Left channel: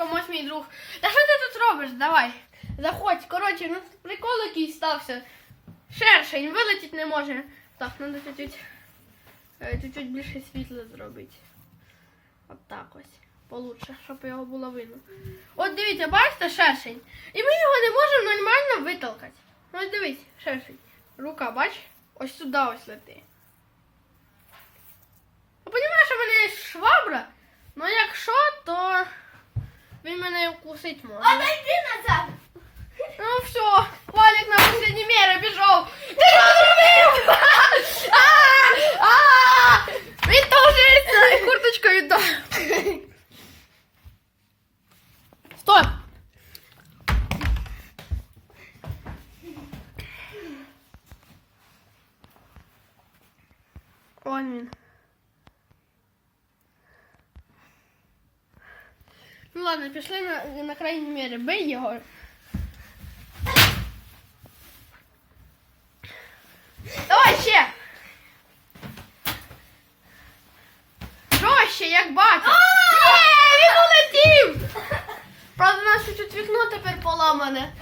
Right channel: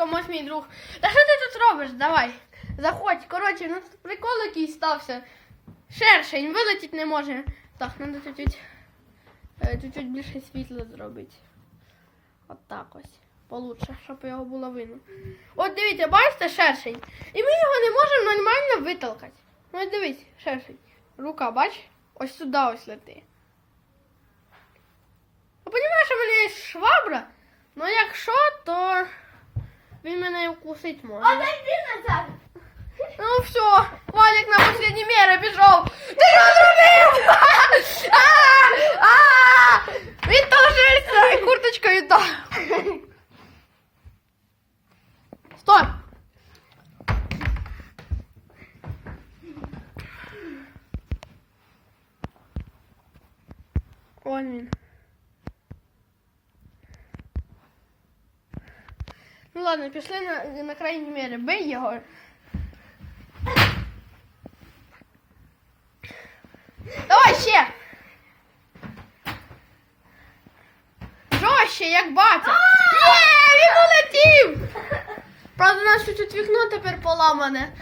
Вадиком, ось мій друг. Та що ти тут робиш? Давай. Заходь. Коротше, ну прикол якийсь стався. Шершень, вилетіти не може. Так, треба чуть-чуть, більше світла зробити. От так ось. Получше, щоб його було видно. От дивіться, бачите шершень. І ми його не можемо нормально витолкати. Ну ось дивись, шершень. Рука, бач? Ось сюди ось лети. Я розумію, що в мене є швабра, якщо, то він мене і вкусить може. Отойди назад. Ну все, Валік на последній мірі пішов. Ти що зробив? А! А! Він толжиться і курточку віддав. Стой! Ой, він. Ну ладно, пішли на, на крайній мірі. Бий його. Давай ще. Жорстче, як батя. Ні, він улетів. Правда, у нас чуть-чуть вікно тепер поламане.